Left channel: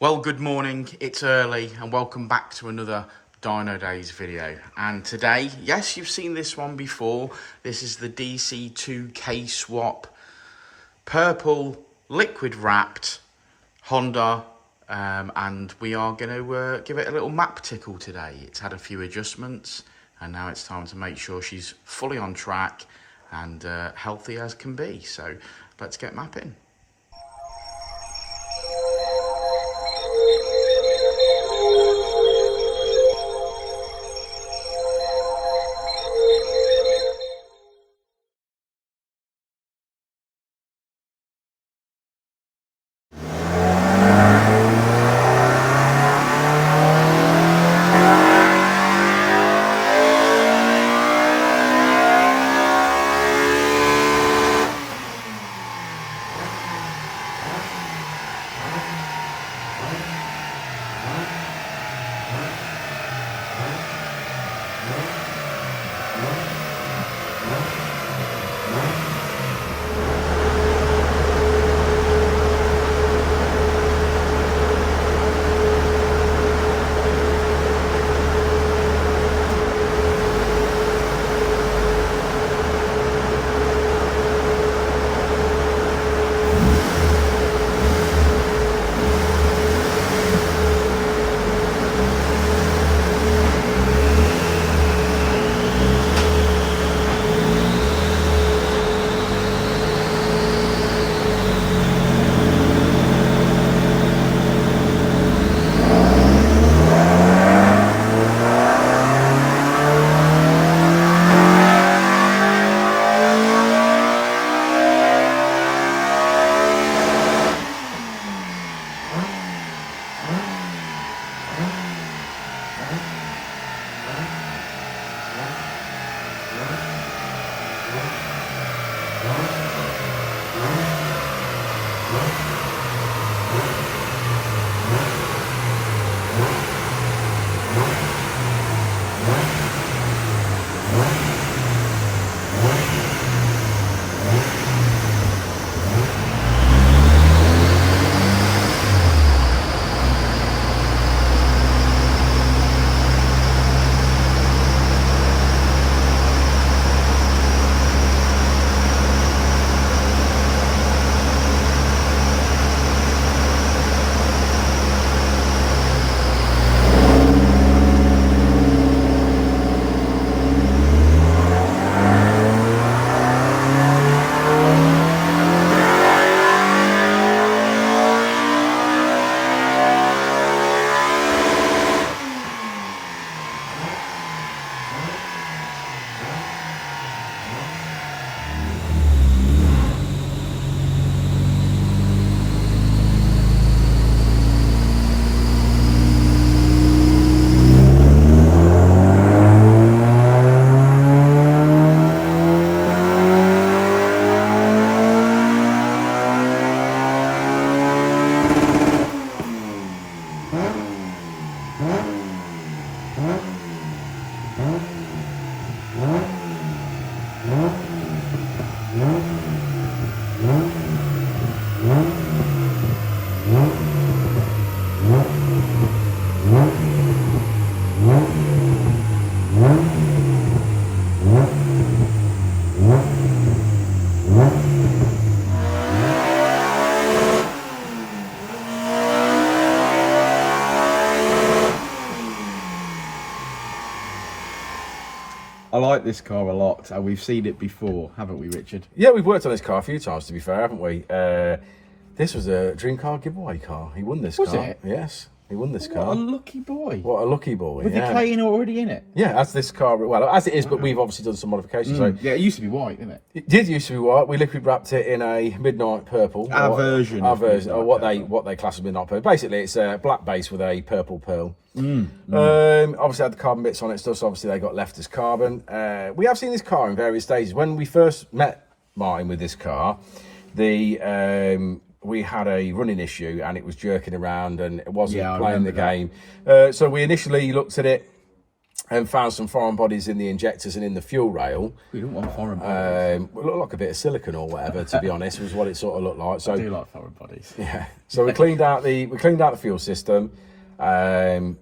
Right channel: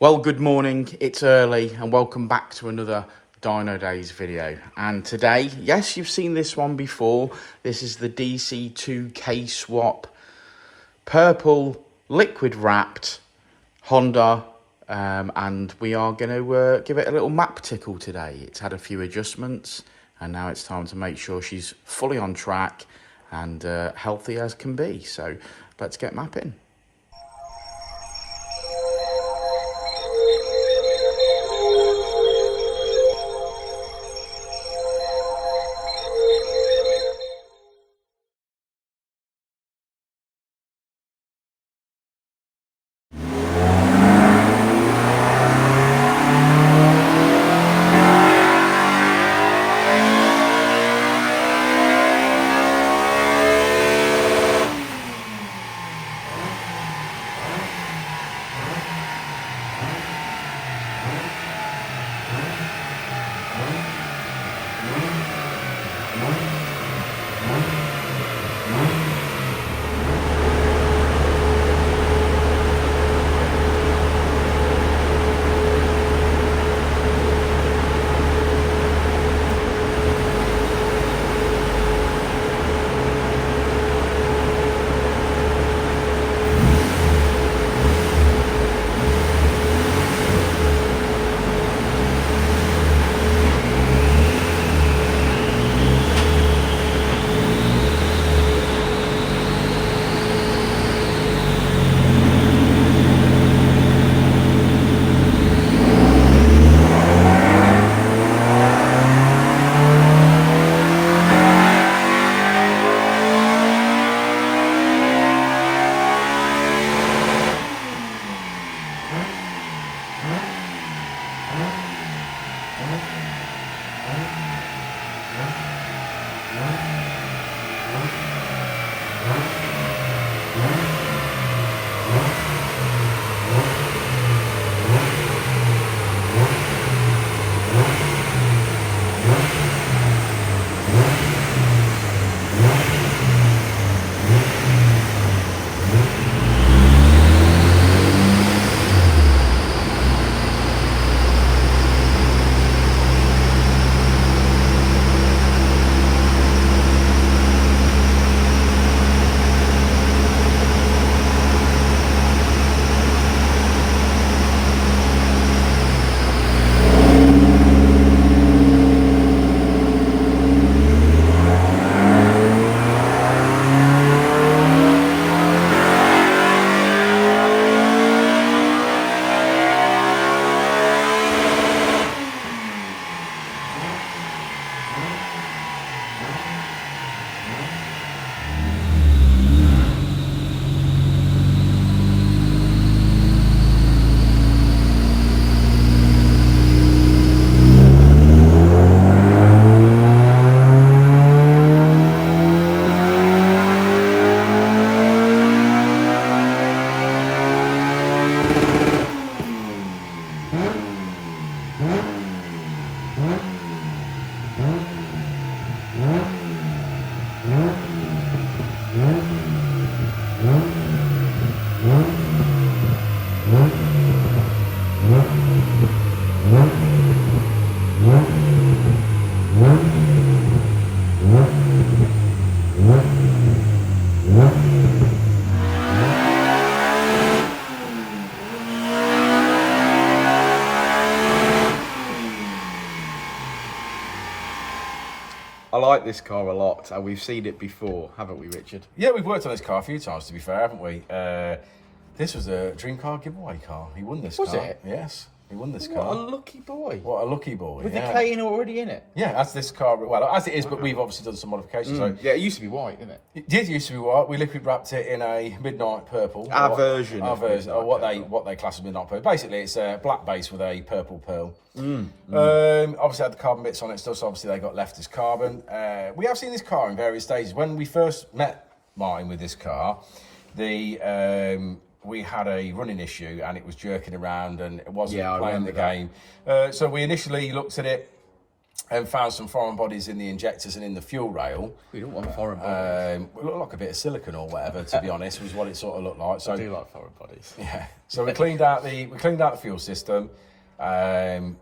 Well, good morning, it's early and welcome back to another Dynodaze video. And today, yes, you've seen this one before. This is the DC2 Kswap purple liquid wrapped Honda, and we are going to give it a little map tickle today. It's had a few adjustments and now it's time to make sure she's fully on track and healthy as can be. So let's get mapping. I like this car a lot, and we've seen it before, haven't we, Richard? Yeah, we've worked on this car a few times, to be fair, haven't we? This was a dream car giveaway car. He won this car. Was it? Yes, he won this What car. a lucky boy. What a lucky boy. With the K already in it? Yeah, as this car, well, as it is, but we've obviously done some modifications. So Yeah, it used to be white, didn't it? it did used to be white. We liquid wrapped it in a midnight purple. Our version Our of version, or midnight what they class as midnight purple. Basically, it's a black base with a purple pearl. Obviously had the carbon bits on it still, so obviously they got left as carbon. We have seen this car in various stages. When we first met Martin with this car, we had a running issue and it was jerking around and it wasn't playing the game. So we initially looked at it and found some foreign bodies in the injectors and in the fuel rail. We don't want foreign bodies. It looked like a bit of silicon or whatever, to be honest, was what it sort of looked like. So I do like foreign bodies. yeah. So we cleaned out the fuel system, and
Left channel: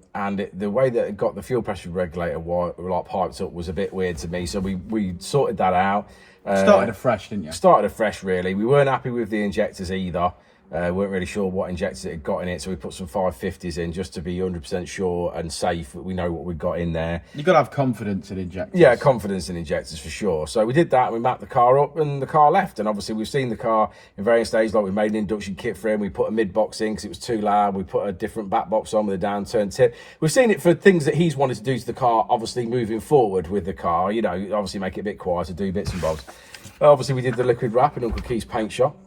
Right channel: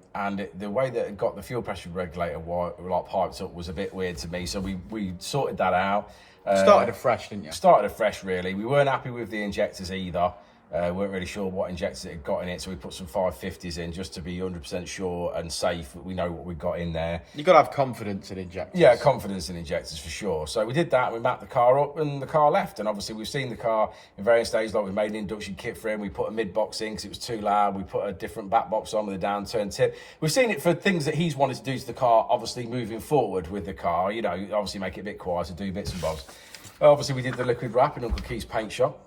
the way that it got the fuel pressure regulator like piped up was a bit weird to me. So we sorted that out. Started afresh, didn't you? Started afresh, really. We weren't happy with the injectors either. Weren't really sure what injectors it had got in it, so we put some 550s in just to be 100% sure and safe. We know what we've got in there. You've got to have confidence in injectors. Yeah, confidence in injectors for sure. So we did that, we mapped the car up, and the car left. And obviously we've seen the car in various stages, like we made an induction kit for him, we put a mid-box in because it was too loud, we put a different back box on with a downturn tip. We've seen it for things that he's wanted to do to the car, obviously moving forward with the car, you know, obviously make it a bit quieter, do bits and bobs. Obviously we did the liquid wrap in Uncle Keith's paint shop,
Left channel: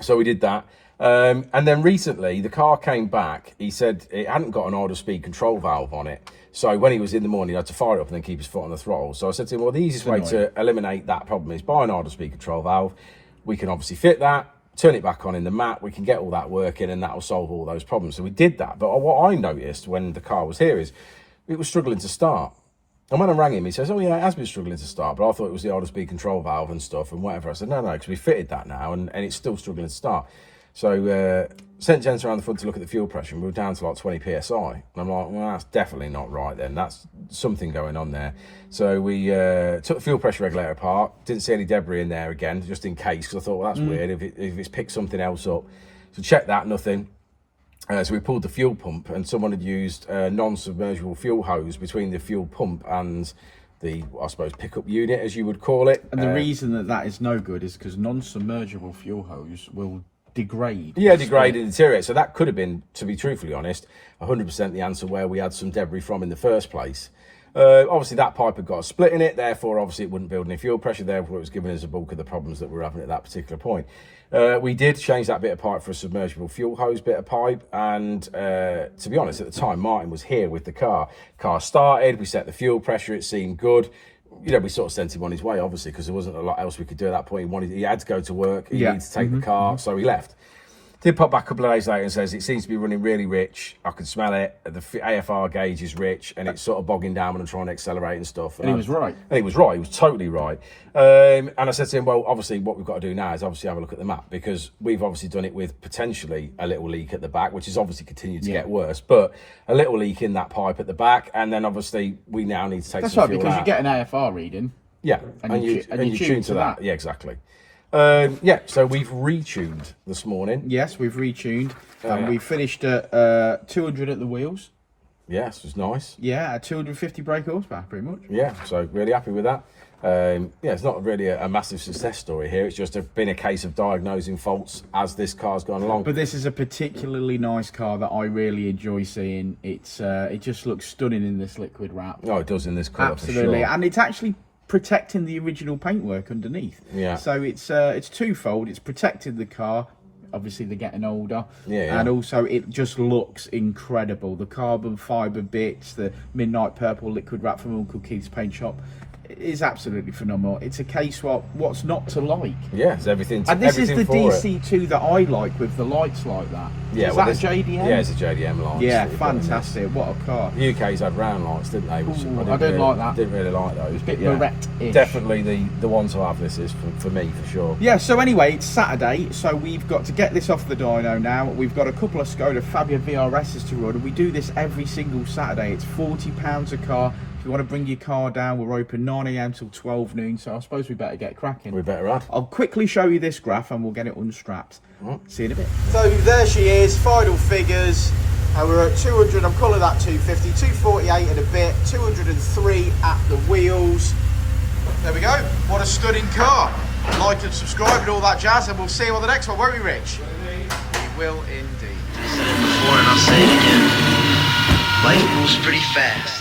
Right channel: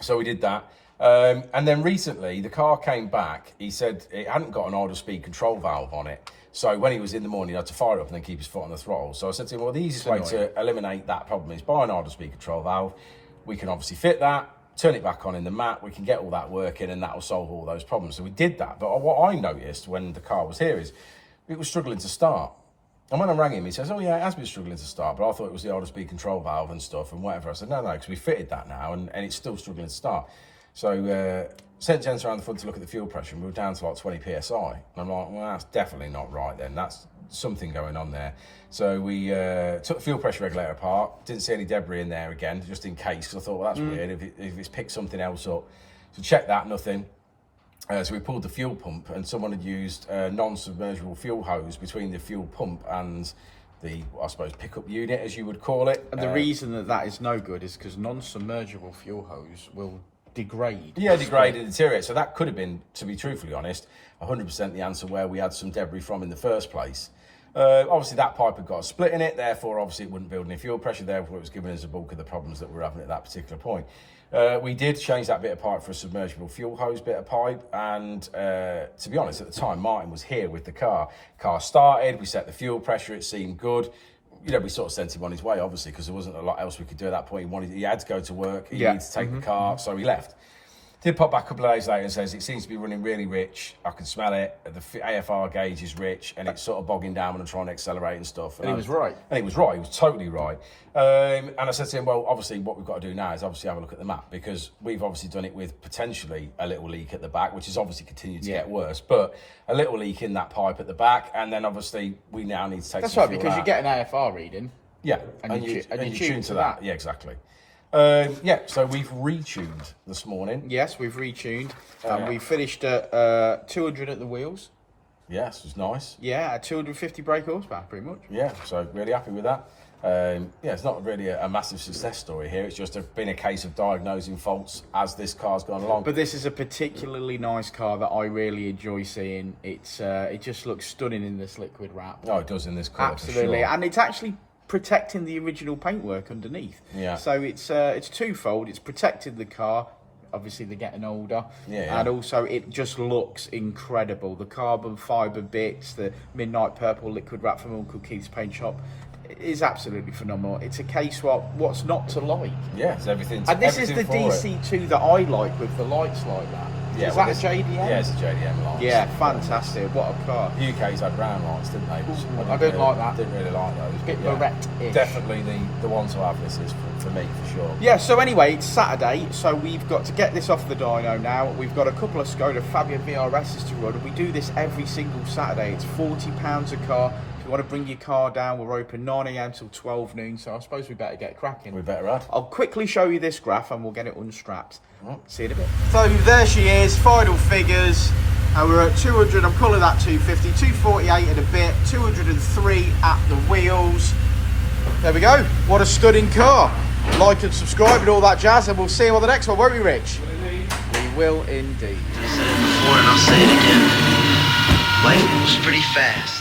so we did that. And then recently, the car came back. He said it hadn't got an idle speed control valve on it. So when he was in the morning, he had to fire it up and then keep his foot on the throttle. So I said to him, well, the easiest way to eliminate that problem is buy an idle speed control valve. We can obviously fit that, turn it back on in the mat. We can get all that working and that will solve all those problems. So we did that. But what I noticed when the car was here is it was struggling to start. And when I rang him, he says, oh, yeah, it has been struggling to start, but I thought it was the idle speed control valve and stuff and whatever. I said, no, because we fitted that now and it's still struggling to start. So sent gents around the front to look at the fuel pressure and we were down to like 20 psi. And I'm like, well, that's definitely not right then. That's something going on there. So we took the fuel pressure regulator apart, didn't see any debris in there again, just in case, because I thought, well, that's weird if it's picked something else up. So checked that, nothing. So we pulled the fuel pump and someone had used a non-submersible fuel hose between the fuel pump and the, I suppose, pickup unit, as you would call it. And the reason that is no good is because non-submersible fuel hose will degrade. Yeah, degrade and deteriorate. So that could have been, to be truthfully honest, 100% the answer where we had some debris from in the first place. Obviously, that pipe had got a split in it, therefore, obviously, it wouldn't build any fuel pressure, therefore, it was giving us a bulk of the problems that we were having at that particular point. We did change that bit of pipe for a submersible fuel hose bit of pipe, and to be honest, at the time, Martin was here with the car. Car started, we set the fuel pressure, it seemed good. You know, we sort of sent him on his way, obviously, because there wasn't a lot else we could do at that point. He had to go to work, he needed to take the car, so he left. Did pop back a couple of days later and says, it seems to be running really rich. I can smell it. The AFR gauge is rich and it's sort of bogging down when I'm trying to accelerate and stuff. And he was right. And he was right. He was totally right. And I said to him, well, obviously what we've got to do now is obviously have a look at the map, because we've obviously done it with potentially a little leak at the back, which has obviously continued to get worse, but a little leak in that pipe at the back. And then obviously we now need to take some fuel because out. you get an AFR reading. Yeah, and you tune to that. Yeah, exactly. Yeah, so we've retuned this morning. Yes, we've retuned. And we finished at 200 at the wheels. Yes, it was nice. Yeah, at 250 brake horsepower, pretty much. Yeah, so really happy with that. Yeah, it's not really a massive success story here. It's just been a case of diagnosing faults as this car's gone along. But this is a particularly nice car that I really enjoy seeing. It's it just looks stunning in this liquid wrap. Oh, it does in this colour, absolutely, for sure. And it's actually protecting the original paintwork underneath. Yeah. So it's twofold. It's protected the car. Obviously, they're getting older. Yeah. And also, it just looks incredible. The carbon fibre bits, the midnight purple liquid wrap from Uncle Keith's paint shop. Is absolutely phenomenal. It's a Kswap. What's not to like? Yeah, it's everything. And this is the DC2 DC2 that I like, with the lights like that. Yeah, is well, that a JDM? Yeah, it's a JDM light. Yeah, fantastic. What a car. The UK's had round lights, didn't they? Which I don't like that. Didn't really like those. Bit yeah, Barrett-ish. definitely the one to have. This is for me, for sure. Yeah, so anyway, it's Saturday, so we've got to get this off the dyno now. We've got a couple of Skoda Fabia VRSs to run, and we do this every single Saturday. It's £40 a car. If you want to bring your car down, we're open 9 AM till 12 noon, so I suppose we better get cracking. We better add. I'll quickly show you this graph and we'll get it unstrapped. See you in a bit. So there she is, final figures. We're at 200, I'm calling that 250, 248 and a bit, 203 at the wheels. There we go, what a stunning car. Like and subscribe and all that jazz, and we'll see you on the next one, won't we, Rich? We will indeed. I said it before and I'll say it again. Life moves pretty fast.